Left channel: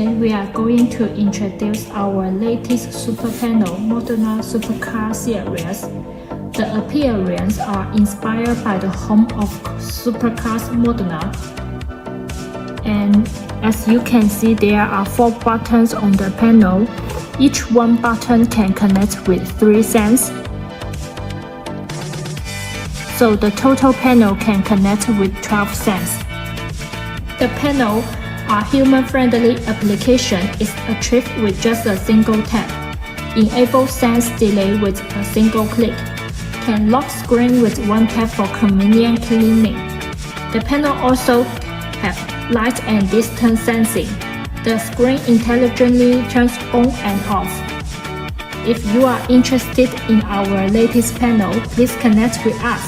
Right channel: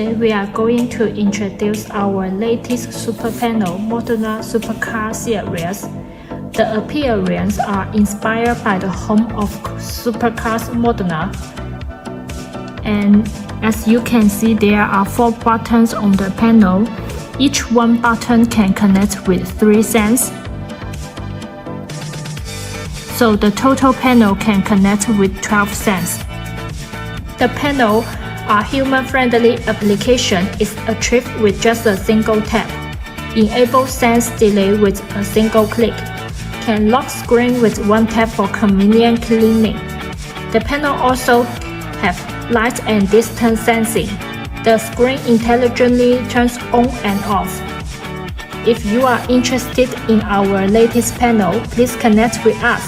Today we are going to introduce our latest super panel, Modena Supercar series. The appearance are inspired by the home of supercars Modena. And as you can see, there are 4 buttons on the panel. Each one button can connect with 3 sensors. So the total panel can connect with 12 sensors. The panel are human-friendly application is achieved with just a single tap. Enable sense delay with a single click. Can lock screen with 1 tap for convenient cleaning. The panel also have light and distance sensing. The screen intelligently turns on and off. If you are interested in our latest panel, please connect with us.